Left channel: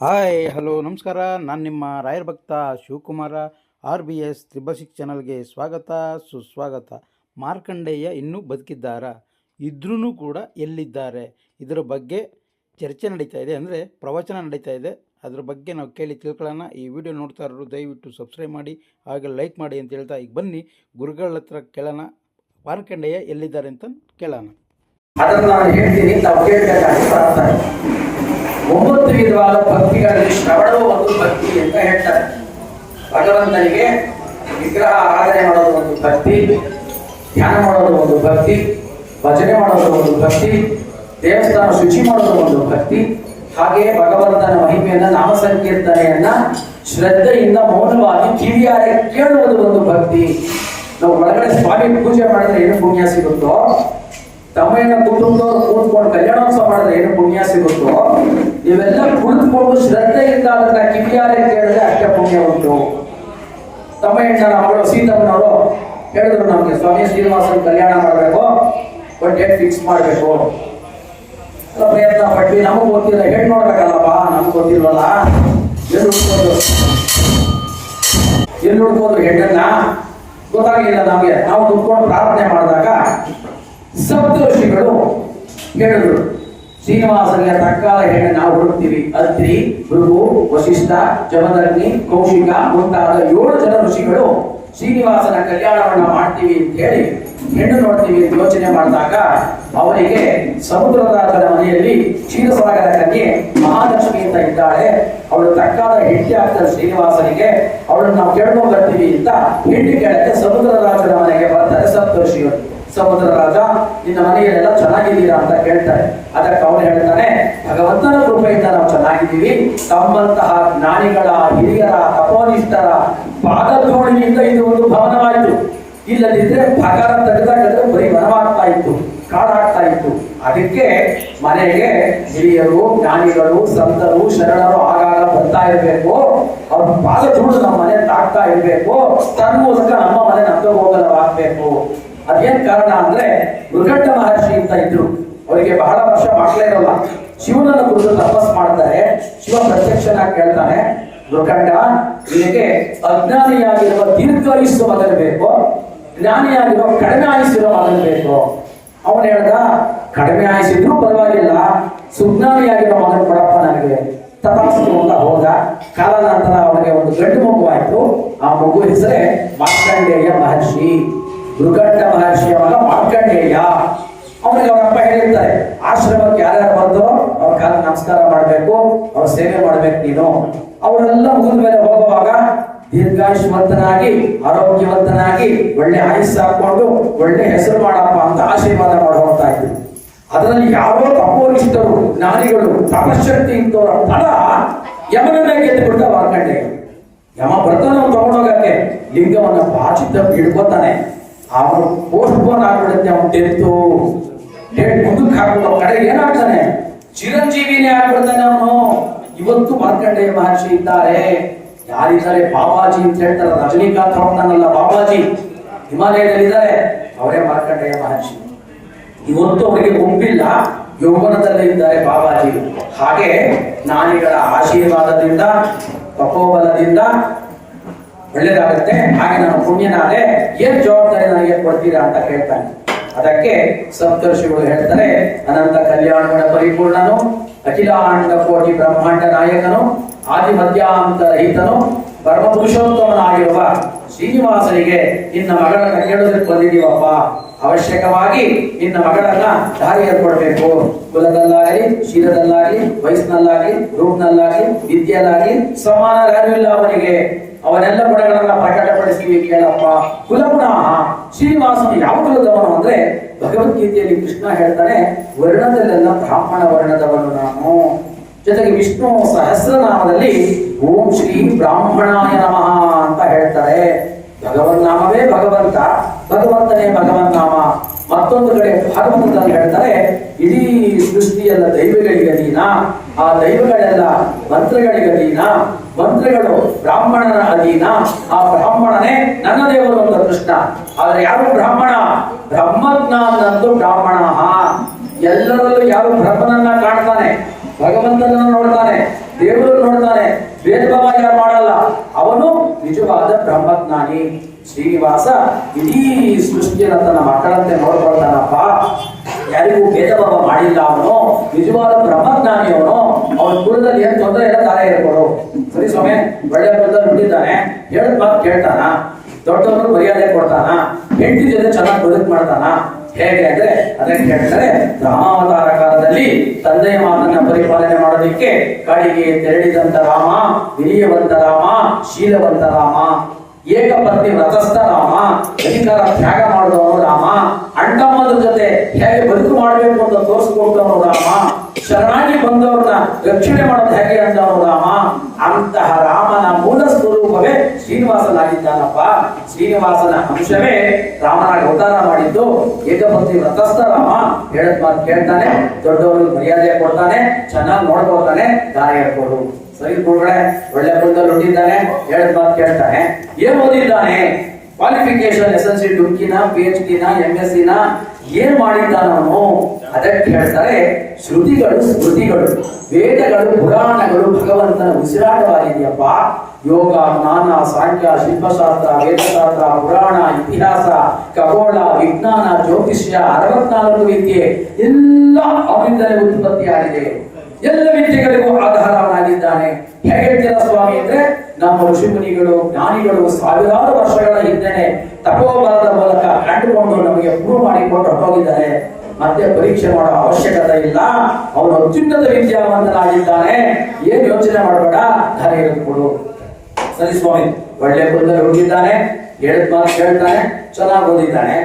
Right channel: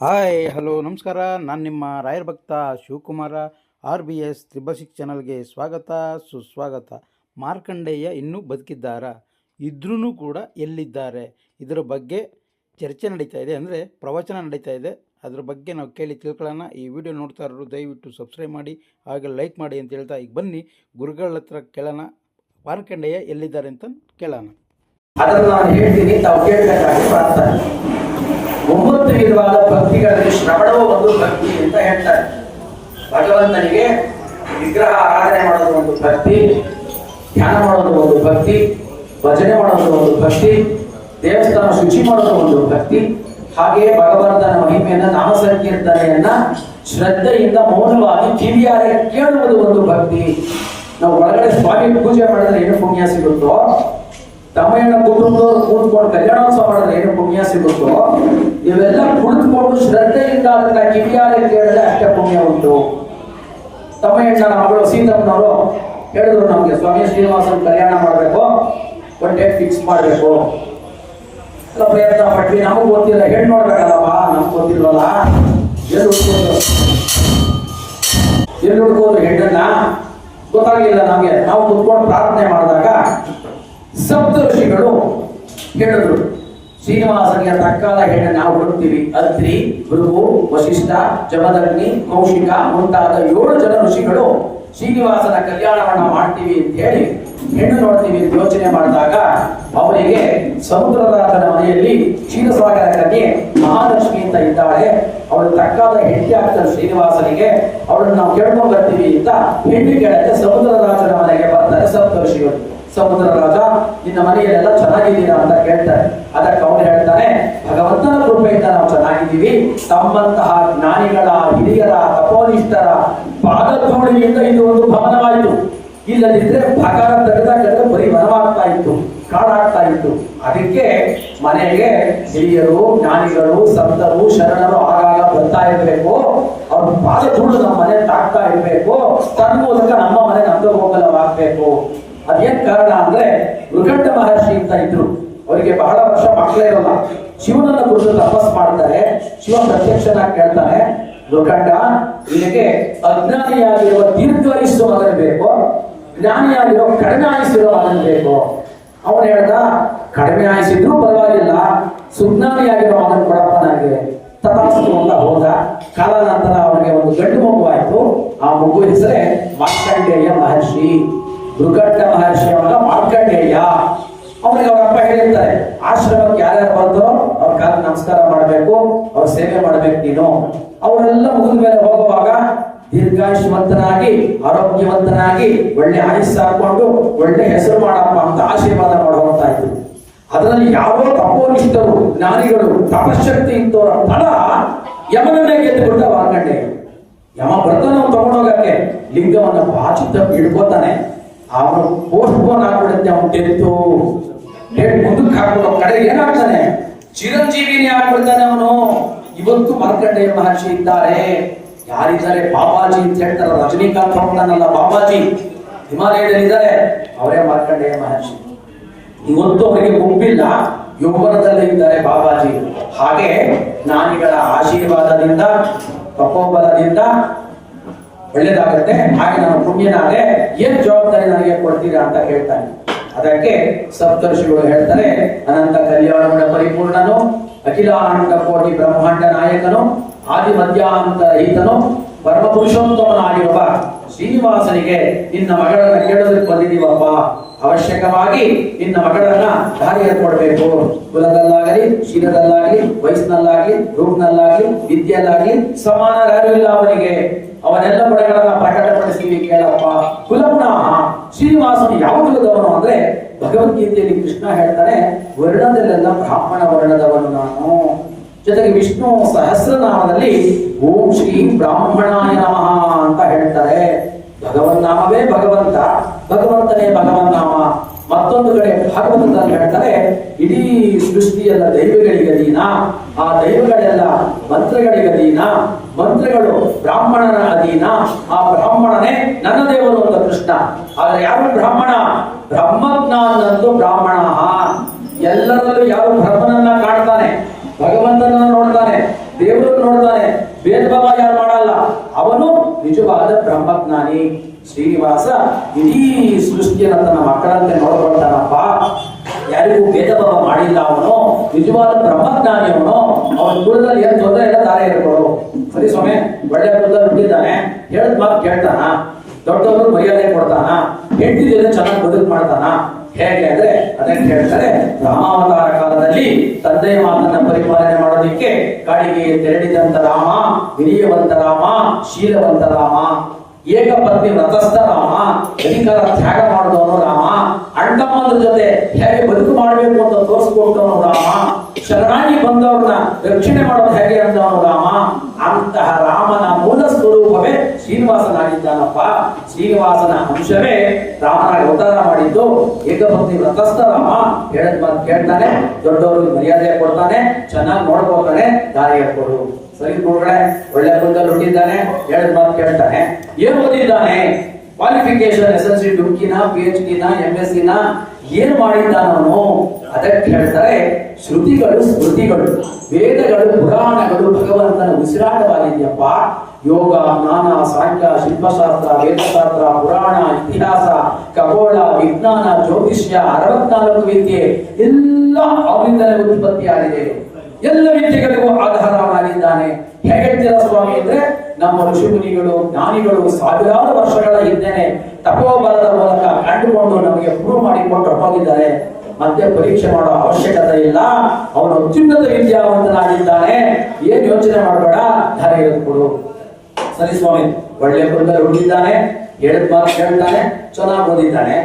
Hi hello ನಮಸ್ಕಾರ. ನಾನು ನಿಮ್ಮ ರಾಯರ ಭಕ್ತ ಶಿವಕುಮಾರ. RBS ತ್ರಿಬಲ್6 ಚಾನಲ್ಗೆ ಸ್ವಾಗತ ಸುಸ್ವಾಗತ. ಮಾರ್ಕಂಡೇಯ ಇನ್ನೂ ಬದುಕಿದ್ದಾರಾ? ಇದ್ರೂ ಕೂಡ ಎಲ್ಲಿದ್ದಾರೆ? ಇದರ ಬಗ್ಗೆ ಚರ್ಚೆ ನಡೀತಾ ಇದೆ, ಅಂದರೆ ಪ್ರವಚನ ನಡೀತಾ ಇದೆ. ಅದರ ಬಗ್ಗೆ ನಾವು ಕೇಳಿ ತಿಳ್ಕೊಳ್ಳೋಣ. ಈ ವಿಡಿಯೋ ನೋಡ್ತಾ ಇರೋರು ದಯವಿಟ್ಟು ಸಬ್ಸ್ಕ್ರೈಬ್ ಮಾಡಿ, ಹಾಗೆ ಲೈಕ್ ಮಾಡಿ ಅಂತ ಹೇಳ್ತಾ ಈಗ ಬನ್ನಿ ಗುರುಗಳ ಹತ್ರ ಕೇಳೋಣ, ಮಾರ್ಕಂಡೇಯ ಎಲ್ಲಿದ್ದಾರೆ ಅಂತ ಕೇಳೋಣ. ಅದನ್ನು ನಾನು ಹೇಳ್ತೀನಿ, ತಾವು ಕೇಳಬೇಕಾಗಿ ಬರ್ತಾರೆ. 9 ವಿಧವಾದ ಭಕ್ತಿಗಳಲ್ಲಿ ಶ್ರವಣವು ಒಂದು ಭಕ್ತಿ ಅಂತ ಹೇಳ್ತಾರೆ. ಭಗವಂತನಿಗೆ ವಿಗ್ರಹ ಆರಾಧನೆ ಮಾಡೋದು ಒಂದು ಭಕ್ತಿ, ಧ್ಯಾನ ಮಾಡೋದು ಒಂದು ಭಕ್ತಿ, ಭಜನೆ ಮಾಡೋದು ಒಂದು ಭಕ್ತಿ, ದೇವಸ್ಥಾನ ಶುಚಿ ಮಾಡೋದು ಒಂದು ಭಕ್ತಿ. ಹಾಗೆಯೇ ಭಗವಂತನ ಮಹಿಮೆಯನ್ನ ನಾಮ ಸಂಕೀರ್ತನೆಯನ್ನ ಶ್ರದ್ಧೆಯಿಂದ ಮೌನವಾಗಿ ಕಿವಿಯಾರೆ ಕೇಳುವುದು ಒಂದು ಭಕ್ತಿ. ನಾವು ಒಳಗಡೆ ಸ್ವಾಮಿ ಪೂಜೆ ಮಾಡಿದ್ರೆ ಏನು ಪುಣ್ಯ ಸಿಗುತ್ತೋ, ತಮ್ಮಯ್ಯನ ಕುಟುಂಬದವರು ಕೂತ್ಕೊಂಡು ಕಲ್ಯಾಣೋತ್ಸವ ಮಾಡಿದ್ರೆ ಏನು ಪುಣ್ಯ ಸಿಗುತ್ತೋ, ಇವೆಲ್ಲ ಕುಳಿತುಕೊಂಡು ಶ್ರದ್ಧೆಯಿಂದ ಅದನ್ನ ಕಿವಿಯಾರೆ ಕೇಳಿದ್ರೆ ಅಷ್ಟೇ ಪುಣ್ಯ ಉಂಟು. ತಮ್ಮಯ್ಯನ ಮಗಳು ಸೀತಮ್ಮನವರು ಹೇಳಿದ್ರು, ನಮ್ಗೆ ಸ್ವಾಮಿ ಶ್ರೀನಿವಾಸನ ಕಲ್ಯಾಣ ಮಾಡಬೇಕು, ಒಂದು ಡೇಟ್ ಫಿಕ್ಸ್ ಮಾಡಬೇಕು. ಪ್ರಯತ್ನ ಪಟ್ವಿ, ನಮಗ್ ಗೊತ್ತಿಲ್ಲ, ಹೆಣ್ಣು ನೋಡ್ಬೇಕಲ್ಲಪ್ಪ, ನಮ್ಗೆ ಗೊತ್ತಿಲ್ವಲ್ಲ, ಎಲ್ಲಿ ಹುಡ್ಕೋದ್ರು ಹೆಣ್ಣನ್ನ ಗೊತ್ತಾಗಲಿಲ್ಲ ನಮ್ಗೆ. ನಾವು ಕುತ್ಕೊಂಡು ಪ್ರಾರ್ಥನೆ ಮಾಡಿದಾಗ ಸಪ್ತಋಷಿಗಳು ಹೇಳಿದ್ರು, ಶ್ರೀನಿವಾಸನಿಗೆ ತಕ್ಕಾದ ಹೆಣ್ಣು ನಾವು ಹುಡುಕ್ತೀವಿ. ಅತ್ರಿ, ಭೃಗು, ವಶಿಷ್ಠ, ಜಮದಗ್ನಿ, ಕೌಶಿಕ ಮುಂತಾದ 7 ಜನ ಋಷಿಗಳು ಶ್ರೀನಿವಾಸನ ಕಲ್ಯಾಣವನ್ನ ಮಾಡ್ತೀವಿ ಅಂತ ಹೇಳಿ ಹೆಣ್ಣು ನೋಡ್ತೀವಿ ಅಂತ ಯೋಚನೆ ಮಾಡಿದಾಗ ಅವರಿಗೆ ಸಮುದ್ರರಾಜನ ಮನೆಯಲ್ಲಿ ಕ್ಷೀರಸಾಗರ ಕನ್ಯೆ ಮಹಾಲಕ್ಷ್ಮಿ ಅಂತ ಇದ್ದಾಳೆ, ಅವಳು ತಕ್ಕಾದ ಹೆಂಡತಿ ಆಗ್ತಾರೆ ಶ್ರೀನಿವಾಸನಿಗೆ, ಅವಳನ್ನು ನಾವು ಕೇಳ್ಕೊಂಡು ಬರ್ತೀವಿ ಅಂತ ಹೆಂಡು ಕೇಳಕ್ಕೆ ಸಮುದ್ರರಾಜನ ಮನೆಗೆ ಬರ್ತಾರೆ ಸಪ್ತಋಷಿಗಳು. ಸಮುದ್ರ ರಾಜ, ನಿನ್ನ ಮನೆಯಲ್ಲೆಲ್ಲ ಚೆನ್ನಾಗಿದ್ದೀರಾ ಅಂತ ಕೇಳ್ತಾರೆ. ಅದಕ್ಕೆ ಅವನು ಹೇಳ್ತಾನೆ, ಭಗವಂತನ ಕೃಪೆಯಿಂದ ನಾವು ಚೆನ್ನಾಗಿದ್ದೀವಿ, ತಮ್ಮಂತಹ ಜ್ಞಾನಿಗಳ, ಹಿರಿಯರ, ತಪೋನಿಷ್ಠರ ಪಾದಧೂಳಿನಿಂದ ಇದು ಒಂದು ಭವನವಾಯಿತು. ಇಲ್ಲದಿದ್ರೆ ಭಗರ ತೆಗೆದಾಡಿದ್ರೆ ಬರೀ ವನವಾಗ್ತಾ ಇತ್ತು, ಕಾಡಾಗ್ತಾ ಇತ್ತು. ಅದಕ್ಕೆ ಮನೆಗೆ ಹಿರಿಯರು, ಜ್ಞಾನಿಗಳು, ಸಂತರು, ಶರಣರು ಆಗಾಗ ಬರ್ತಾ ಇರ್ಬೇಕು, ಅವ್ರ ಪಾದಧೂಳು ನಮ್ಮ ಮನೆ ತಾಗ್ತಾ ಇರ್ಬೇಕು, ತನ್ಮೂಲಕ ನಮ್ಮ ಮನೆ ನಮ್ದಗೋಗಲವಾಗ್ಬೇಕು. ಅದೇನ್ ಕಾರಣ ಅಂದ್ರೆ, ಮೃಗಂಡ ಮಹರ್ಷಿ ಅಂತ ಇದ್ರು, ಅವರಿಗೆ ಬಹಳ ವರ್ಷ ಮಕ್ಕಳೇ ಇರಲ್ಲ. ಶಿವನನ್ನ ಕುರಿತು ತಪಸ್ ಮಾಡ್ತಾರೆ. ಶಿವ ಪ್ರತ್ಯಕ್ಷನಾಗಿ ಕೇಳ್ತಾನೆ, ಮೃಗಂಡ, ನಿನಗೆ ಅಜ್ಞಾನಿಯಾಗಿರುವ ದೀರ್ಘಾಯುಸ್ಸು ಮಗನ ಬೇಕು, ಜ್ಞಾನಿಯಾಗಿರೋ ಕಡಿಮೆ ಆಯುಸ್ಸಿರೋ ಮಗನ ಬೇಕು. ಅವನು ಹೇಳ್ದ, ಕಡಿಮೆ ಆಯುಸ್ಸಿದ್ರು ಪರವಾಗಿಲ್ಲ, ಸುಜ್ಞಾನಿಯಾಗಿರೋ ಮಗನ ಕೊಡಪ್ಪ ನನಗೆ. ತಪಸ್ಸು ಅಂತ ಹೋದ. ಕಾಲಾನಂತರ ಅವನಿಗೆ ಒಂದು ಗಂಡು ಮಗು ಆಯ್ತು. ಆ ಮಗು ಹೆಸರೇ ಮಾರ್ಕಂಡೇಯ ಮಹರ್ಷಿ. ಮೃಗಂಡ ಮಹರ್ಷಿ ಅವರ ಮಾರ್ಕಂಡೇಯ. ಅವನಿಗೆ ಅವರಪ್ಪ ಹೇಳಿರ್ತಾರೆ, ಆಶ್ರಮಕ್ಕೆ ಯಾರ್ಯಾರು ಬಂದರೋ ಅವ್ರ ಕಾಲ ನಮಸ್ಕಾರ ಮಾಡ್ಬೇಕು, ಅವ್ರ ಸೇವೆ ಮಾಡ್ಬೇಕು ನೀನು. ಅವರೆಲ್ಲ ಮುಗಿದ ಮೇಲೆ ಹೋಗುವಾಗ ದೀರ್ಘಾಯುಷ್ಮಂತನಾಗಿ, ಆರೋಗ್ಯವಂತನಾಗಿ, ಒಳ್ಳೆ ಆಯುಸ್ಸು ಹಾಕೊಂಡು ಒಳ್ಳೆ ಹೆಸರು ಮಾಡಪ್ಪ ಅಂತ ಆಶೀರ್ವಾದ ಮಾಡುವಂತಾಯ್ತು. ಅದರಲ್ಲಿ ಯಾರೋ ತಪೋನಿಷ್ಠರು, ಜ್ಞಾನಿಗಳು, ತಪಶಕ್ತಿ ಇದ್ದವರ ಫಲ ಯಮನನ್ನೇ ಗೆದ್ದು ಬಿಟ್ಟ ಮಾರ್ಕಂಡೇಯ. ಯಮ ಬರ್ತಾನೆ ತಗೊಂಡೋಗಕ್ಕೆ, ಲಿಂಗವನ್ನು ಬಾಚಿತ ಹಿಡ್ಕೋತಾನೆ. ಅವನು ಪೋಸ್ಟ್ ಪೋನ್ ಆಗ್ಬಿಡುತ್ತೆ, ಅವನು ಡೇಟ್ ಮುಂದಕ್ಕೆ ಹಾಕುವ ಕಡೆ ಏನಾಗ್ತಾನೆ, ಚಿರಂಜೀವಿನೇ ಆಗ್ಬಿಡ್ತಾನೆ ಅವನು. ಇವತ್ತು ಮಾರ್ಕಂಡೇಯ ಮಹರ್ಷಿ ಇದ್ದಾರೆ. ಯಾರಿದ್ದಾರೆ? ಬಾಬಾಜಿ ಅಂತ ಹೇಳ್ತಾರೆ. ರಜನಿಕಾಂತ್ ಹೋಗ್ತಾನಲ್ಲ ಬಾಬಾಜಿ, ಹಿಮಾಲಯದಲ್ಲಿದ್ದಾರೆ, ಅವರೇ ಮಾರ್ಕಂಡೇಯ ಮಹರ್ಷಿ. ಇವತ್ತು ಅವರಿಗೆ ಗುಂಪಿಲ್ಲ, ಯೌವನದಲ್ಲೇ ಇದ್ದಾರೆ ಬಾಬಾಜಿ. ಹಾಗೆ ಜ್ಞಾನಿಗಳ ಆಶೀರ್ವಾದದಿಂದ, ತಪೋಬಲದಿಂದ ಒಳ್ಳೇದಾಗತ್ತೆ. ಹಾಗೆ ನಾನು ಪುಣ್ಯನಾದೆ, ಏನ್ ಜವಾಬ್ದಾರಿ ನನಗೆ ಕೊಡ್ತೀರಾ ಅಂತ ಕೇಳ್ತಾನೆ. ಅದಕ್ಕೆ ಸಪ್ತರ್ಷಿಗಳು ಹೇಳ್ತಾರೆ, ಅನಂತ ಕಲ್ಯಾಣಗಳ ಪರಿಪೂರ್ಣನು, ಅಖಿಲಾನಂದ ಕೋಟಿ ಬ್ರಹ್ಮಾಂಡ ನಾಯಕನು, ಆದಿ ಮಧ್ಯಾಂತ ರಹಿತನು, ಪರಮ ಪುರುಷೋತ್ತಮನಾಗಿರುವ ಶ್ರೀನಿವಾಸನಿಗೆ ನಿನ್ನ ಮಗಳನ್ನ ಕೇಳೋದಕ್ಕೆ ಬಂದಿದ್ದೀವಪ್ಪ. ಅವಶ್ಯಕವಾಗಿ ನಿನ್ನ ಮಗಳನ್ನ ದಾರಿಯ ಕೊಡಬೇಕು. ಕುಲದಲ್ಲಾಗಲಿ, ಶೀಲದಲ್ಲಾಗಲಿ, ವಯಸ್ಸಿನಲ್ಲಾಗಲಿ, ರೂಪನಲ್ಲಾಗಲಿ, ವಿದ್ಯೆಯಲ್ಲಾಗಲಿ ಸಮಾನ ಯಾರು ಇಲ್ಲ ಅವನಿಗೆ. ಅವನೆಲ್ಲ ಗುಣಗಳನ್ನ ಪ್ರಕಟಪಡಿಸ್ತೀವಿ ಕೇಳಪ್ಪ. ಕುಲಗುಣ, ಶ್ರೀನಿವಾಸನು ಯಾವ ಕುಲದವನು ಅಂದ್ರೆ, ಭಗವದ್ಗೀತೆಯಲ್ಲಿ ಕೃಷ್ಣ ಹೇಳ್ತಾನೆ, ವರ್ಣದಲ್ಲೆಲ್ಲ ಬ್ರಾಹ್ಮಣ ವರ್ಣದವನು ನಾನು. ಜೊತೆಗೆ ವಿಷ್ಣು ಸಹಸ್ರನಾಮದಲ್ಲಿ ಓಂ ಶ್ರೀ ಬ್ರಾಹ್ಮಣಾಯ ನಮಃ ಅಂತ ಹೇಳ್ತಾರೆ. ಭಗವನ್ ನಾಮವೇ ಭಗವಂತ, ಭಗವಂತನೇ ಭಗವನ್ ನಾಮ. ಮತ್ತೊಂದು ಕಡೆ ಭಾಗವತದಲ್ಲಿ ಹೇಳ್ತಾರೆ, ಇಡೀ ಸೃಷ್ಟಿಯಲ್ಲ ದೈವಗಳಿಗೆ ಅಧೀನ, ಆ ದೈವಗಳೆಲ್ಲ ಮಂತ್ರಗಳಿಗೆ ಅಧೀನ, ಮಂತ್ರಗಳು ಬ್ರಾಹ್ಮಣನ ಅಧೀನ, ಆ ಬ್ರಾಹ್ಮಣನೇ ನನ್ನ ದೇವರು ಅಂತ ಕೃಷ್ಣ. ಆದ್ರೆ ಯಾರು ಬ್ರಾಹ್ಮಣ? ಬ್ರಹ್ಮಜ್ಞಾನಂತೂ ಬ್ರಾಹ್ಮಣ. ಎಲ್ಲರಲ್ಲೂ ಯಾರು ಬ್ರಹ್ಮನನ್ನ ಕಾಣ್ತಾನೆ, ಭಗವಂತನನ್ನು ನೋಡ್ತಾನೆ, ದೇವರು ನೋಡ್ತಾನೆ, ಭೇದ ಭಾವ ಯಾರು ಮಾಡಲ್ಲ. ಅವನು ನಿಜವಾದ ಬ್ರಹ್ಮಜ್ಞಾನಿ. ಶ್ರೀನಿವಾಸ ಇಡೀ ಸೃಷ್ಟಿಯನ್ನು ತನ್ನ ಮಕ್ಕಳಂತೆ ನೋಡ್ಕೊಳ್ತಾನಪ್ಪ. ಯಾರಿಗೂ ಭೇದ ಭಾವ ಮಾಡಿಲ್ಲ. ಅವನು ನಿಜವಾದ ಬ್ರಹ್ಮಜ್ಞಾನಿ. ಅವನ ಕುಲದಲ್ಲಿ ಏನ್ ತೊಂದರೆ ಇಲ್ಲ, ದಾರಿ ಇರ್ಬೋದು. ಸರಿ ಸ್ವಾಮಿ, ಒಳ್ಳೆ ಕುಲದಲ್ಲಿ ಹುಟ್ಟಿದ್ದಾನೆ, ಹೇಳಿದ ಮಾತು ಕೇಳ್ತಾನ, ದೊಡ್ಡವರು ಮರ್ಯಾದೆ ಕೊಡ್ತಾನ, ಹೆಂಡತಿ ಜೊತೆ ಚೆನ್ನಾಗಿ ಬದುಕು ಮಾಡ್ತಾನ. ಹೇಗೆ ಅಂದ್ರೆ ಅದಕ್ಕೆ ಹೇಳ್ತಾರೆ, ರಾಮಾವತಾರ ಕಾಲದಲ್ಲಿ ತಂದೆಯ ಮಾತನ್ನ ಪರಿಪಾಲನೆ ಮಾಡೋದಿಕ್ಕೆ ಕಾಡಿಗೆ ತೆರಳಿದಂತ ರಾಮ, ವಿನಯವಂತ ರಾಮ, ಶೀಲವಂತ ರಾಮ, ಏಕಪತ್ನಿ ವ್ರತಸ್ಥ ರಾಮ, ಅಧಿಕಾರ ತ್ಯಾಗ ಮಾಡಿದವನು ರಾಮ, ಅಣ್ಣಮ್ಮನ ಜೊತೆ ಹೇಗೆ ಬದುಕು ಮಾಡಬೇಕು ಅಂತ ತೋರಿಸ್ಕೊಟ್ಟವನು ರಾಮ, ಶರಣಾಗಿ ಬಂದವ್ರನ್ನ ರಕ್ಷಣೆ ಮಾಡೋದು ಹೇಗೆ ಅಂತವನು ರಾಮ. ಅಂತಹ ರಾಮನ ಮೂಲ ಸ್ವರೂಪವೇ ಶ್ರೀನಿವಾಸನಾಗಿದ್ದಾನಪ್ಪ. ಶ್ರೀನಿವಾಸನ ಅಂಶವೇ ರಾಮನಾಗಿ ಅವತಾರ ಮಾಡಿದ್ದು. ಏಕಪತ್ನಿ ವ್ರತಸ್ಥ ರಾಮ, ಹೇಳದ್ ಮಾತು ಕೇಳ್ತಾನೆ, ದೊಡ್ಡವ್ರಿಗೆ ಮರ್ಯಾದೆ ಕೊಡ್ತಾನೆ, ಚೆನ್ನಾಗಿ ನೋಡ್ಕೊಳ್ತಾನೆ, ದಾರಿ ಹೇಳ್ಕೊಡು. ಸರಿ ಗುರುಗಳೇ, ಒಳ್ಳೆ ಕುಲದಲ್ಲಿ ಹುಟ್ಟಿದ್ದಾನೆ, ಹೇಳದ್ ಮಾತು ಕೇಳ್ತಾನೆ. ಏನ್ ಓದಿದ್ದಾನೆ? ಕ್ವಾಲಿಫಿಕೇಶನ್ SLC, ಡುಮ್ಕಿನ, PhD ನ, MSc ನ ಏನ್ ಮಾಡಿದ್ದಾನವನು? ಅದಕ್ಕೆ ಹೇಳ್ತಾರೆ, ಶ್ರುತಿಗಳು ಸ್ಮೃತಿಗಳು, ವೇದಗಳು ಪುರಾಣಗಳು ಭಗವಂತನ ಉಸಿರಾಟವಾಗಿದೆಯಪ್ಪ. ಯೋಗ, ಜ್ಞಾನ, ಸಾಂಖ್ಯ, ಶಿಲ್ಪಶಾಸ್ತ್ರ, ವೇದಶಾಸ್ತ್ರ, ಪುರಾಣ, ಇತಿಹಾಸ, ಖಗೋಳ, ವಿಜ್ಞಾನ, ಜ್ಯೋತಿಷ್ಯ, 64 ವಿದ್ಯೆ ಎಲ್ಲ ಅವನಿಂದಲೇ ಉತ್ಪತ್ತಿಯಾಗಿದೆ. ಎಲ್ಲ ವಿದ್ಯೆಗಳಿಗೂ ಆಧಾರವಾಗಿದ್ದಾನೆ. ಹೇಗೆ ಹೇಳ್ತೀರಾ ಸ್ವಾಮಿ ಅಂದ್ರೆ, ನಮ್ಮ ಋಷಿ ಮುನಿಗಳು, ಜ್ಞಾನಿಗಳು ಸಾವಿರಾರು ವರ್ಷಗಳ ಹಿಂದೆನೆ ತಪೋಬಲದ ಮೂಲಕ ಕಂಡುಕೊಂಡು ನಮಗೆ ಪ್ರೂವ್ ಮಾಡಿಕೊಂಡು ಹೋಗಿದ್ದಾರೆ. ಮತ್ತೆ ಪರೀಕ್ಷೆ ಮಾಡೋ ಅವಶ್ಯಕತೆ ಇಲ್ಲ. ಅವನು ಅತ್ಯುನ್ನತ ವಿದ್ಯಾವಂತನಾಗಿದ್ದಾನೆ. ಏನ್ ಯೋಚನೆ ಮಾಡಬೇಡ, ಧನ ಇರುತ್ಕೊಡು. ಸರಿ ಸ್ವಾಮಿ, ಒಳ್ಳೆ ಕುಲದಲ್ಲಿ ಹುಟ್ಟಿದ್ದಾನೆ, ಹೇಳಿದ ಮಾತು ಕೇಳ್ತಾನೆ, ಚೆನ್ನಾಗಿ ಓದಿದ್ದಾನೆ,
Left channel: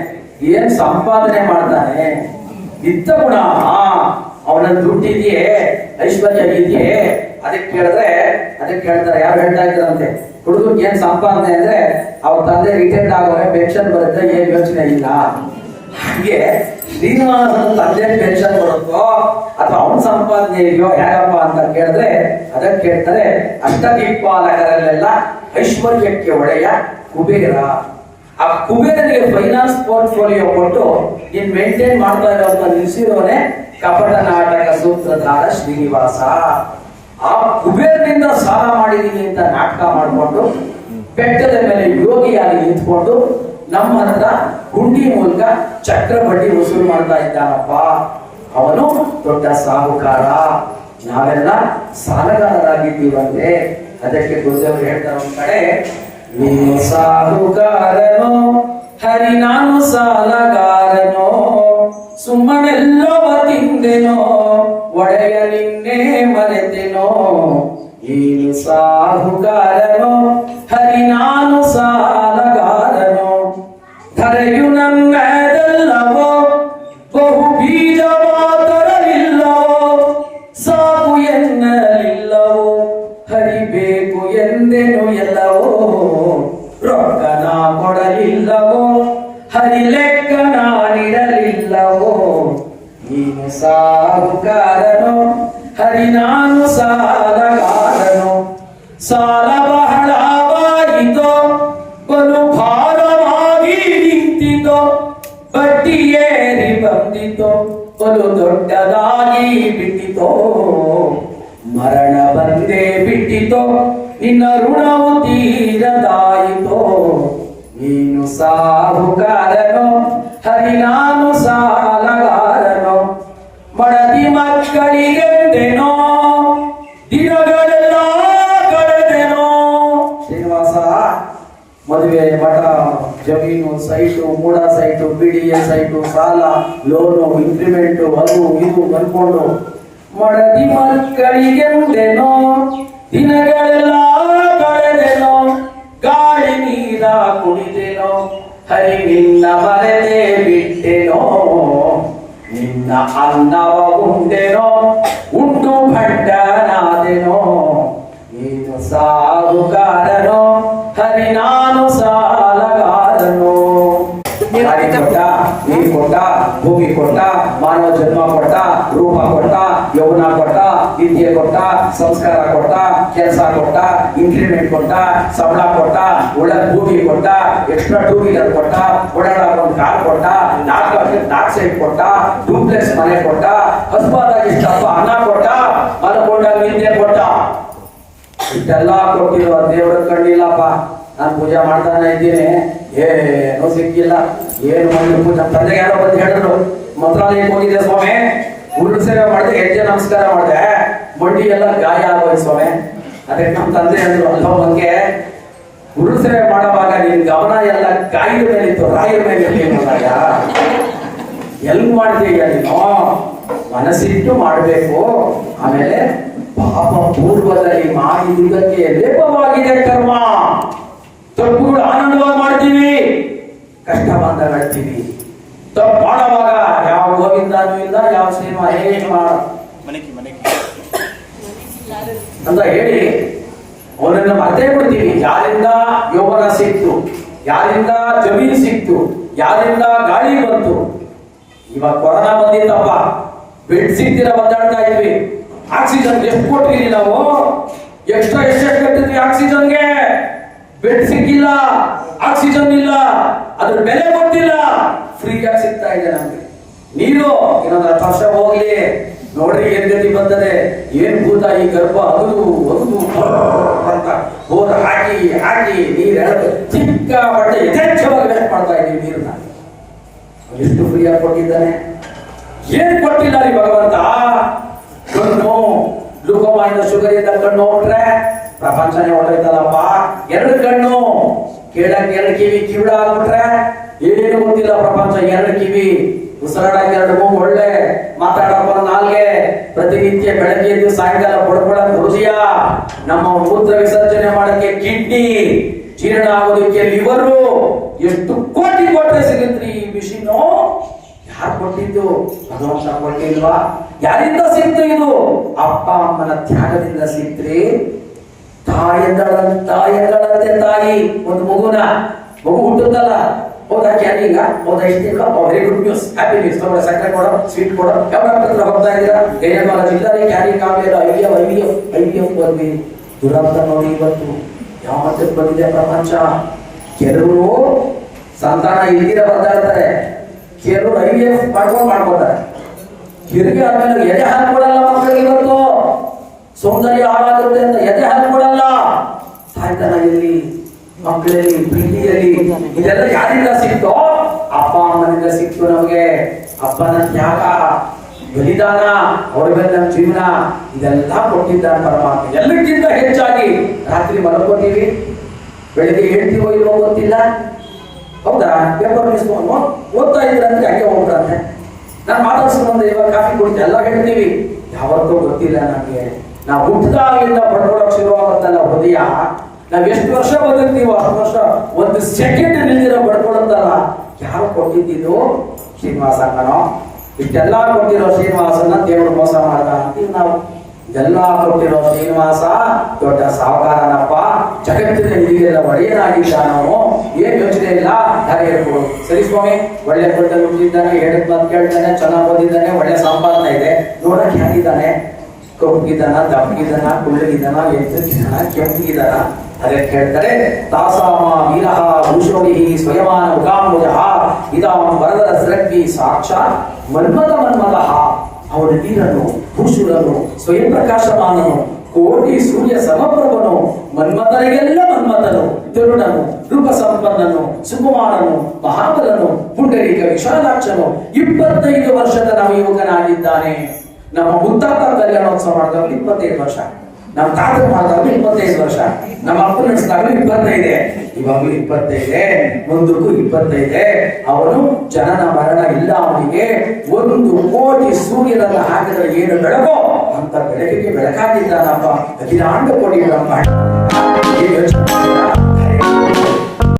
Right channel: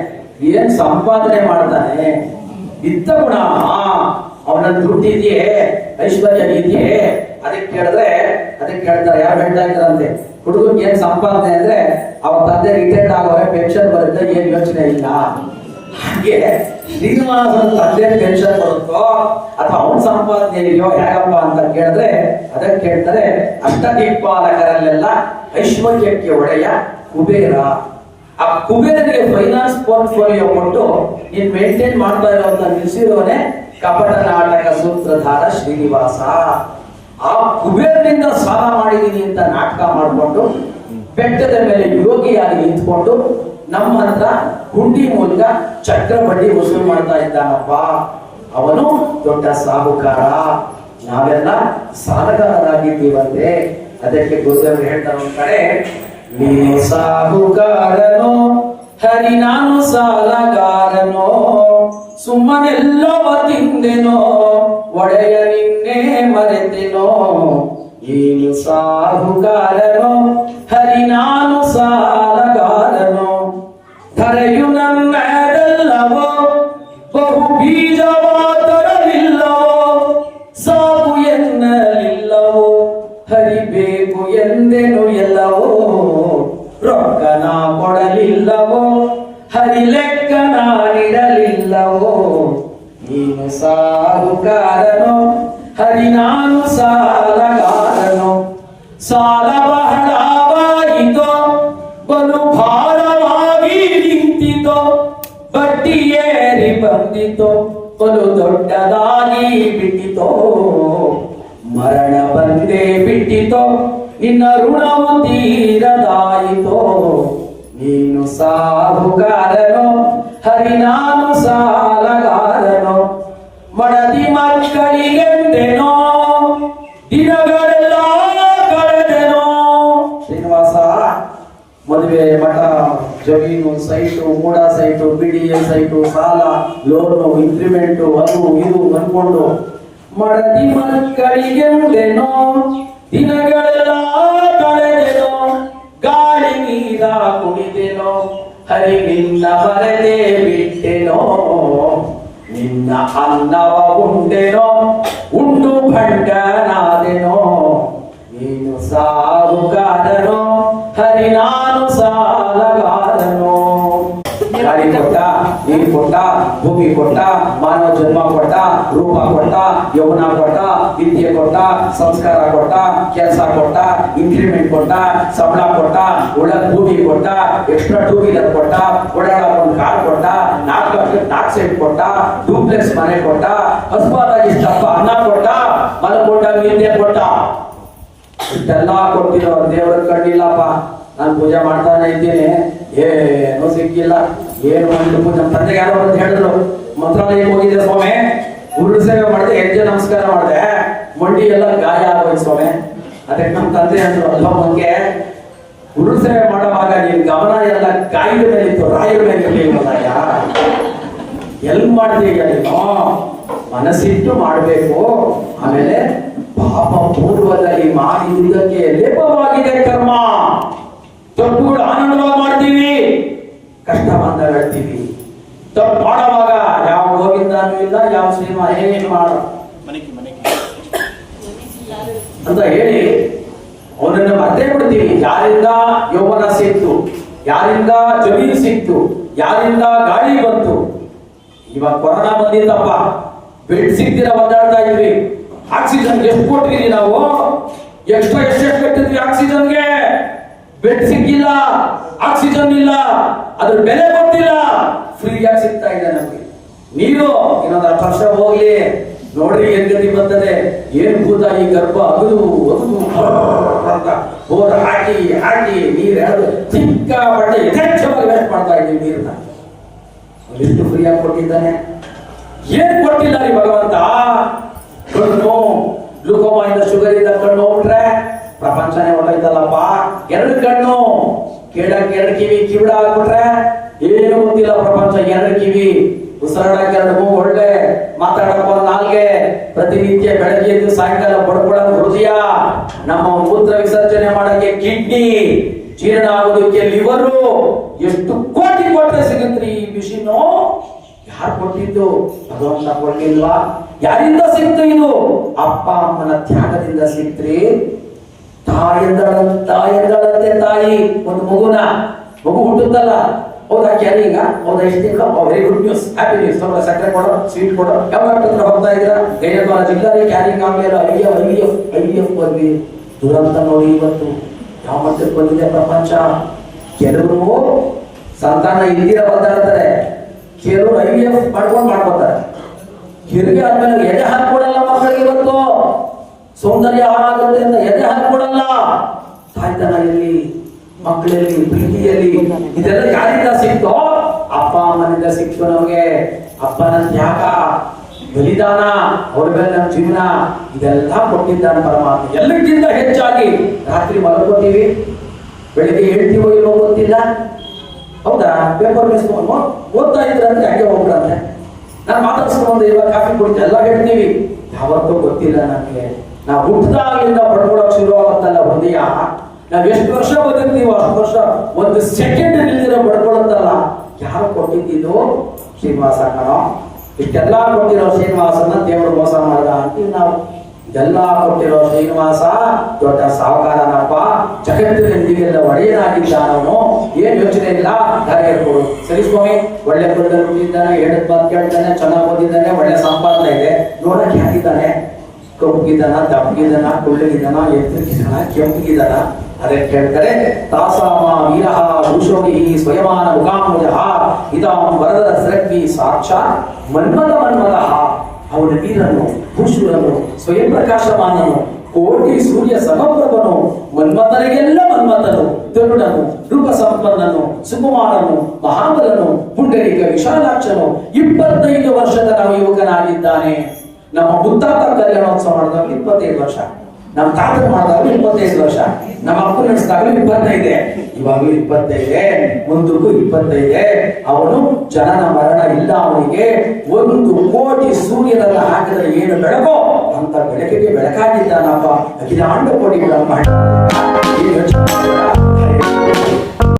ಏನ್ ಸಂಪಾದನೆ ಮಾಡ್ತಾನೆ? ಇತ್ತ ಗುಣ, ಅವನ ದುಡ್ಡಿದೆಯೇ, ಐಶ್ವರ್ಯ ಇದೆಯೇ? ಅದಕ್ಕೆ ಕೇಳ್ತಾರೆ, ಯಾರು ಹೇಳ್ತಾ ಇದ್ದಾರಂತೆ, ಹುಡುಗಕ್ಕೆ ಏನ್ ಸಂಪಾದನೆ ಅಂದ್ರೆ ಅವ್ರ ತಂದೆ ರಿಟೈರ್ಡ್ ಆಗೋರೆ, ಪೆನ್ಷನ್ ಬರುತ್ತೆ, ಏನ್ ಯೋಚನೆ ಇಲ್ಲ. ಹಾಗೆ ಶ್ರೀನಿವಾಸನ ತಂದೆ ಪೆನ್ಷನ್ ಬರುತ್ತೋ ಅಥವಾ ಅವನ ಸಂಪಾದನೆ ಇದೆಯೋ ಹೇಗಪ್ಪ ಅಂತ ಕೇಳಿದ್ರೆ, ಅದಕ್ಕೆ ಕೇಳ್ತಾರೆ, ಅಷ್ಟದಿಕ್ಪಾಲಕರಲ್ಲೆಲ್ಲ ಐಶ್ವರ್ಯಕ್ಕೆ ಒಡೆಯ ಕುಬೇರ. ಆ ಕುಬೇರನಿಗೆ ಫೈನಾನ್ಸ್ ಪೋರ್ಟ್ಫೋಲಿಯೋ ಕೊಟ್ಟು ನೀನ್ ಮೇಂಟೈನ್ ಮಾಡ್ತಾ ಇರೋದನ್ನ ನಿಲ್ಸಿರೋನೆ ಕಪಟ ನಾಟಕ ಸೂತ್ರಧಾರ ಶ್ರೀನಿವಾಸ. ಆ ಕುಬೇರನಿಂದ ಸಾಲ ಮಾಡಿದೀನಿ ಅಂತ ನಾಟಕ ಮಾಡಿಕೊಂಡು ಬೆಟ್ಟದ ಮೇಲೆ ಯೋಗಿಯಾಗಿ ನಿಂತ್ಕೊಂಡು ನಮ್ಮ ಹತ್ರ ಹುಂಡಿ ಮೂಲಕ ಚಕ್ರ ಬಡ್ಡಿ ವಸೂಲು ಮಾಡ್ತಾ ಇದ್ದಾನಪ್ಪ. ಅವನು ದೊಡ್ಡ ಸಾಹುಕಾರ, ನಾವೆಲ್ಲ ಸಾಲಗಾರರಾಗಿದ್ದೀವಂತೆ. ಅದಕ್ಕೆ ಗುರುದೇವರು ಹೇಳ್ತಾರೆ ಒಂದ್ ಕಡೆ, ನೀನು ಸಾಹುಕಾರನೋ ಹರಿ ನಾನು ಸಾಲಗಾರನೋ, ಸುಮ್ಮನೆಲ್ಲವ ತಿಂದೆನೋ ಒಡೆಯ ನಿನ್ನೆ ಮರೆತೆನೋ. ನೀನು ಸಾಹುಕಾರನೋ ಹರಿ ನಾನು ಸಾಲಗಾರನೋ, ಧರೆಯು ನನ್ನದಲ್ಲವೋ ಬಹು ಬೀಜವಾತರವಿಲ್ಲವೋ, ಸಾಕು ಎನ್ನಲಿಲ್ಲವೋ ಹರಿಬೇಕು ಎಂದೆನು ಎಲ್ಲವೋ, ರೊಕ್ಕನ ಕೊಡಲಿಲ್ಲವೋ ಹರಿ ಲೆಕ್ಕ ನಾನಿಡಲಿಲ್ಲವೋ. ನೀನು ಸಾಹುಕಾರನೋ ಹರಿ ನಾನು ಸಾಲಗಾರನೋ, ಸಾಲ ಬಹಳವಾಯಿತೋ ಬಲು ಭಾರವಾಗಿ ನಿಂತಿತೋ, ಬಡ್ಡಿ ಏರಿ ಬಂದಿತೋ ಬಲು ದೊಡ್ಡದಾಗಿ ಬಿಟ್ಟಿತೋ, ಮರಣ ಬಂದೇ ಬಿಟ್ಟಿತೋ ನಿನ್ನ ಋಣವು ತೀರದಾಯಿತೋ. ನೀನು ಸಾಹುಕಾರನೋ ಹರಿ ನಾನು ಸಾಲಗಾರನೋ, ಮಡದಿ ಮಕ್ಕಳಿಗೆಂದೆನೋ ದಿನಗಳೆಲ್ಲ ಕಳೆದೆನೋ. ಶ್ರೀನಿವಾಸ ಮದುವೆ, ಮಠ, ಜಮೀನು, ಸೈಟು, ಮೂಡ ಸೈಟು, BDA ಸೈಟು, ಸಾಲ, ಲೋನು, ಇಂಕ್ರಿಮೆಂಟು, ಅದು ಇದು ಅನ್ಕೊಂಡು ಮಡದಿ ಮಕ್ಕಳಿಗೆಂದೆನೋ ದಿನಗಳೆಲ್ಲ ಕಳೆದೆನೋ, ಗಾಳಿ ನೀರ ಕುಡಿದೆನೋ ಹರಿ ನಿನ್ನ ಮರೆತೇ ಬಿಟ್ಟೆನೋ, ನಿನ್ನ ಅನ್ನವ ಉಂಡೆನೋ ಉಂಡು ಭಂಡನಾದೆನೋ. ನೀನು ಸಾಹುಕಾರನೋ ಹರಿ ನಾನು ಸಾಲಗಾರನೋ. ಗಾಡಿ ಕೊಟ್ಟ, ನೀರು ಕೊಟ್ಟ, ಭೂಮಿ ಕೊಟ್ಟ, ಮಾನವ ಜನ್ಮ ಕೊಟ್ಟ, ರೂಪ ಕೊಟ್ಟ, ಯೌವನ ಕೊಟ್ಟ, ವಿದ್ಯೆ ಕೊಟ್ಟ, ಸಂಸ್ಕಾರ ಕೊಟ್ಟ, ಕೆಲಸ ಕೊಟ್ಟ, ಇಂಕ್ರಿಮೆಂಟ್ ಕೊಟ್ಟ, ಸಂಬಳ ಕೊಟ್ಟ, ಒಳ್ಳೆ ಭೂಮಿ ಕೊಟ್ಟ, ಎಕ್ಸ್ಟ್ರಾ 2 ವೀಲರ್ ಕೊಟ್ಟ, ಓಡಾಡೋ ಕಾರ್ ಕೊಟ್ಟ, 4 ಸೈಟ್ ಕೊಟ್ಟ, ಡೂಪ್ಲೆಕ್ಸ್ ಮನೆ ಕೊಟ್ಟ, ಹಸ್ಬಾದಾಗಿ ಇಷ್ಟಪ್ಪ ಅನ್ನ ಕೊಟ್ಟ, ಮಲಕೊಂಡ ನಿದ್ದೆ ಕೊಟ್ಟ. ಇಷ್ಟೆಲ್ಲ ಕೊಟ್ಟಿರೋ ದೇವರ ಕಂಡಿಲ್ಲಪ್ಪ. ನಾನು ಪೂಜೆ ಮಾಡ್ತಾನೆ ಇದ್ದೀನಿ, ಏನೂ ಸಿಕ್ಕಿಲ್ಲ. ಏನು ಮಾಡಿ ಪೂಜೆ ತಂದೆಗೆ ಯಾರೋ ಬಂದು ಹೇಳಿದ್ರು, ಮಂತ್ರಾಲಯಕ್ಕೆ ಹೋಗಿದ್ದೆ ಸ್ವಾಮಿ, ಉರುಳು ಸೇವೆ ಮಾಡಿದೆ, ಹೆಜ್ಜೆ ನಮಸ್ಕಾರ ಮಾಡಿದೆ, ಮಂಡಿ ಎಲ್ಲ ಗಾಯ ಆಗೋಯ್ತು ಸ್ವಾಮಿ. ಅದಕ್ಕೆ ನಮ್ಮ ತಂದೆ ಹೇಳಿದ್ರು, ಅಲ್ಲೋ ಬಗ್ಗೆ ಉರುಳು ಸೇವೆ ಮಾಡುವಾಗ ನಿನ್ ಗಮನ ಎಲ್ಲ ಗಾಯದ ಮೇಲಿತ್ತು, ರಾಯರ ಮೇಲೆ ಇರಲಿಲ್ಲ. ಎಲ್ಲಿ ಮಾಡ್ತೀಯ ನೀನು? ಮನಸ್ಸಿಟ್ಟು ಮಾಡಬೇಕು. ಆಮೇಲೆ ಪಾಪ ಪೂರ್ವದಲ್ಲಿ ಮಾಡಿದ್ದಕ್ಕೆ ಲೇಪವಾಗಿದೆ ಕರ್ಮ. ತಪ್ಪುಗಳು ಆನಂದವಾಗಿ ಮಾಡ್ತೀವಿ, ಕಷ್ಟ ಬಂದಾಗ ಹೇಳ್ತೀವಿ. ತಪ್ಪು ಮಾಡುವಾಗ ಯಾವ ಗೋವಿಂದನೂ ಇಲ್ಲ, ಯಾವ ಸಿನಿಮಾ ಏನು ಮಾಡ ಅಂತ ಹೇಳಿ ಅವನನ್ನು ಮರ್ತೇ ಬಿಡ್ತೀವಿ. ಯಾರಿಂದ ಯೌವನ ಸಿಕ್ತು, ಯಾರಿಂದ ಜಮೀನು ಸಿಕ್ತು, ಯಾರಿಂದ ಗಾಳಿ ಬಂತು. ಇವಾಗ ಕೊರೋನಾ ಬಂದಿತ್ತಪ್ಪ, ಬೆಡ್ ಸಿಗ್ತೀರ ಒದ್ದಾಡ್ತಾ ಇದ್ವಿ. ಆಕ್ಸಿಜನ್ ಎಷ್ಟು ಕೊಟ್ಟಿದೀವಿ ನಾವು? ಎಕ್ಸ್ಟ್ರಾ ಎಷ್ಟು ಕಟ್ಟಿದ್ವಿ ಆಕ್ಸಿಜನ್ಗೆ? ಬೆಡ್ ಸಿಕ್ಕಿಲ್ಲ, ಆಕ್ಸಿಜನ್ ಇಲ್ಲ, ಅದ್ರ ಬೆಲೆ ಗೊತ್ತಿಲ್ಲ. ಫ್ರೀಯಾಗಿ ಸಿಗ್ತಾ ಇದೆ ನಮ್ಗೆ. ನೀರು ಇನ್ನೊಂದು 10 ವರ್ಷ ಹೋಗ್ಲಿ ನೋಡ್ರಿ ಏನ್ ಗತಿ ಬರ್ತದೆ. ಏನ್ ಭೂತ ಈ ಗರ್ಭ ಅಗದು ಅಂತ ಬೋರ್ ಹಾಕಿ ಹಾಕಿ ನೀರ್ ಎಳೆದು ಚಿಕ್ಕಪಟ್ಟೆ ಯಥೇಚ್ಛವಾಗಿ ವೇಸ್ಟ್ ಮಾಡ್ತಾ ಇದೀವಿ ನೀರನ್ನ. ಎಷ್ಟು ಫ್ರೀಯಾಗಿ ಕೊಟ್ಟಿದ್ದಾನೆ? ಏನ್ ಕೊಟ್ಟಿಲ್ಲ ರೀ ಭಗವಂತ? ಕಣ್ಣು ಗ್ಲೂಕೋಮಾ ಇಂದ ಶುಗರ್ ಇಂದ ಕಣ್ಣು ಹೋಗ್ಬಿಟ್ರೆ ಪ್ರಪಂಚನೇ ಹೊರಟೋಯ್ತಲ್ಲಪ್ಪ. 2 ಕಣ್ಣು, ಕೇಳಕ್ಕೆ 2 ಕಿವಿ, ಕಿವಿಡ ಆಗ್ಬಿಟ್ರೆ ಏನು ಗೊತ್ತಿಲ್ಲ ಪ್ರಪಂಚ. 2 ಕಿವಿ, ಉಸಿರಾಡಕ್ಕೆ 2 ಮೂಗು, ಒಳ್ಳೆ ಮಾತಾಡಕ್ಕೆ 1 ನಾಲ್ಗೆ, ಪ್ರತಿನಿತ್ಯ ಬೆಳಗ್ಗೆ ಎದ್ದು ಸಾಯಂಕಾಲ ಬಡ್ಕೊಳಕ್ ಹೃದಯ, ನಮ್ಮ ಮೂತ್ರ ವಿಸರ್ಜನೆ ಮಾಡಕ್ಕೆ ಕಿಡ್ನಿ, ಜೀರ್ಣ ಆಗೋದಕ್ಕೆ ಲಿವರು. ಎಷ್ಟು ಕೋಟಿ ಕೊಟ್ರೆ ಸಿಗುತ್ತ್ರಿ ಈ ಮಿಷಿನು? ಯಾರು ಕೊಟ್ಟಿದ್ದು? ಭಗವಂತ ಕೊಟ್ಟಿಲ್ವಾ? ಯಾರಿಂದ ಸಿಕ್ತು ಇದು? ಅಪ್ಪ ಅಮ್ಮನ ತ್ಯಾಗದಿಂದ ಸಿಕ್ತ್ರಿ. ತಾಯಂತೆ ತಾಯಿ ಒಂದು ಮಗು ಹುಟ್ಟುತ್ತಲ್ಲ, ಹೌದಾ ಕ್ಯಾರಿಂಗ, ಹೌದಾ ಇಷ್ಟ, very good news, happy news. ತಗೊಂಡ ಸಕ್ಕರೆ ಕೊಡೋ, ಸ್ವೀಟ್ ಕೊಡೋ, ಯಾವ ಡಾಕ್ಟರ್ ಹತ್ರ ಹೋಗ್ತಾ ಇದ್ದೀರಾ? ಗೈನಕಾಲಜಿ ಇಲ್ಲದೆ ಕ್ಯಾರಿಂಗ್ ಆಗಲಿಲ್ಲ, ಐವಿಎಫ್ ಬಂದ್ವಿ. ದುರಂತ ನೋಡಿ ಇವತ್ತು ಯಾವ ಮಟ್ಟಕ್ಕೆ ಬಂದಿದೆ ಪ್ರಪಂಚ. ಕೆಲವರು ಸಂತಾನ ಇಲ್ದಿರ ಬರ್ತಾರೆ, ಕೆಲವರು ಐವಿಎಫ್ ಮಾಡ್ಕೋತಾರೆ. ಹೆರಿಗೆ ಆದ್ಮೇಲೆ ಎದೆ ಹಾಕ್ಬಿಡಲ್ಲ ಮಕ್ಕಳಿಗೆ. ಇವತ್ತು ಸೌಂದರ್ಯ ಹಾಳಾಗುತ್ತೆ ಅಂತ ಎದೆ ಹಾಕ್ಬಿಡಲ್ಲ. ತಾಯ್ತನ ಎಲ್ಲಿ, ಮಕ್ಕಳಲ್ಲಿ, ಪ್ರೀತಿಯಲ್ಲಿ, ಇದೆಲ್ಲ ಯಾರಿಂದ ಸಿಕ್ತೋ? ಅಪ್ಪ ಅಮ್ಮನಿಂದ ಸಿಕ್ತು ನಮಗೆ. ಅಪ್ಪನ ತ್ಯಾಗ, ಬಲಿದಾನ, ಅವ್ರ ಮೇಲೆ ನಮ್ಮ ಜೀವನ, ಇದೆಲ್ಲ ಕೊಟ್ಟಿದ್ದಾನೆ ಪರಮಾತ್ಮ. ಎಲ್ಲಕ್ಕಿಂತ ಹೆಚ್ಚಾಗಿ ರಾತ್ರಿ ಮಲಗೋತೀವಿ, ಬೆಳಿಗ್ಗೆ ಹೇಳ್ತೀವೋ ಇಲ್ಲೋ ಗೊತ್ತಿಲ್ಲ. ಹೌದಾ? ಪೇಪರ್ ಮಿಸ್ಕೊಂಡು ಓದ್ತಾ ಇದ್ರಂದ್ರೆ ಹಂಗೆ ಹೋಗ್ಬಿಡಂತೆ. ನಾನು ಮಾತಾಡ್ಸ್ಕೊಂಡು ಇವಾಗ ಕಾಫಿ ಕೊಡ್ತೀನಿ ಎಲ್ಲ ಹೇಳ್ತೀವಿ. ಯಾವತ್ತೂ ಗೊತ್ತಿಲ್ಲ ನಮಗೆ. ನಾವು ಹುಟ್ಟಿದಾಗಿಂದ ಪಡ್ಕೊಳಕ್ ಶುರುವಾಗುತ್ತಲ್ಲ ಹೃದಯ, ನಾವ್ ಎಷ್ಟು ವರ್ಷ ಬದುಕ್ತೀವೋ ಅಷ್ಟು ವರ್ಷ 1 ಸೆಕೆಂಡ್ ನಿಲ್ದಿರ ಪಡ್ಕೊಳುತ್ತಲ್ಲ. ಯಾರು ಕೊಟ್ಟಿದ್ದು? ಶ್ರೀನಿವಾಸ ಕಣೋ. ಇಷ್ಟೆಲ್ಲ ಕೊಟ್ಟಿರೋ ಶ್ರೀನಿವಾಸನ ದೇವರು ಮೋಸ ಮಾಡ್ದ ಅಂತೀವಿ ನಾವು. ಇದೆಲ್ಲ ಕೊಟ್ಟಿರೋ ಶ್ರೀನಿವಾಸ ದೊಡ್ಡ ಸಾವುಕಾರನಪ್ಪ, ಜಗತ್ತಿನ ನಿಧಿಗೆಲ್ಲ ಒಡೆಯನಾಗಿದ್ದಾನವನು. ಏನ್ ಯೋಚನೆ ಇಲ್ಲ, ಯಾರೇ ಇರ್ಬೋದು. ಸರಿ ಸ್ವಾಮಿ, ಒಳ್ಳೆ ಬಡ್ಡಲ್ಲಿ ಹುಟ್ಟಿದ್ದಾನೆ, 7 ಮಾತು ಕೇಳ್ತಾನೆ, ಚೆನ್ನಾಗಿ ಓದಿದ್ದಾನೆ, ಒಳ್ಳೆ ಸಂಪಾದನೆ ಇದೆ, ನೋಡಕ್ ಹೇಗಿದ್ದಾನೆ? ಕಪ್ಪಗಿದ್ದಾನ, ದಪ್ಪಗಿದ್ದಾನ, ಕುಳ್ಳಗಿದ್ದಾನ, ಎತ್ತಗಿದ್ದಾನ, ಕೆಂಪಗಿದ್ದಾನ? ಅದಕ್ಕೆ ಹೇಳ್ತಾರೆ, ತಾಸಾಮ ವೀರಃ ಭೂಷೋಡಿ ಸ್ವಯಮಾನ ಮುಖಾಂಬುಜಃ ಇದಾಂ ವರದರ ಸೃಗ್ವಿ ಸಾಕ್ಷಾತ್ ಮನ್ಮಥಃ. ಅವನ ವೀರನು, ಭೂಷುರನು, ಸ್ವಯಂ ಪ್ರಕಾಶಮಾನನು, ಕೋಟಿ ಸೂರ್ಯ ಸಮಪ್ರಭನು, ಮನ್ಮಥನಿಗೆಲ್ಲ ಮನ್ಮಥನು, ತರುಣನು, ರೂಪ ಸಂಪನ್ನನು, ಸುಕುಮಾರನು, ಮಹಾಬಲನು, ಪುಂಡರೀಕ ವಿಶಾಲಾಕ್ಷನು, 25 ವರ್ಷದ ನವಯುವಕನಾಗಿದ್ದಾನೆ. ನಮ್ಮ ಮುತ್ತಾತ ಕಲ್ಯಾಣೋತ್ಸವ ಮಾಡಿದವರು 25 ವರ್ಷ, ನಮ್ಮ ತಾತ ಮಾಡಿದವರು 25 ವರ್ಷ, ನಮ್ಮ ಅಪ್ಪ ನಡೆಸಿದಾಗಲೂ 25, ಇವಾಗಲೂ 25, ಮುಂದಕ್ಕೂ 25. ಅವನು ಜನನ ಮರಣ ಇಲ್ಲ ಅವನಿಗೆ. 1 ಕೋಟಿ ಸೂರ್ಯನನ್ನ ಹಾಕಿದರೆ ಏನು ಬೆಳಕೋ ಅಂತ ಬೆಳಕಿಗೆ ಬೆಳಕಾಗಿದ್ದಾನಪ್ಪ. ಅಖಿಲಾಂಡ ಕೋಟಿ ಬ್ರಹ್ಮಾಂಡ.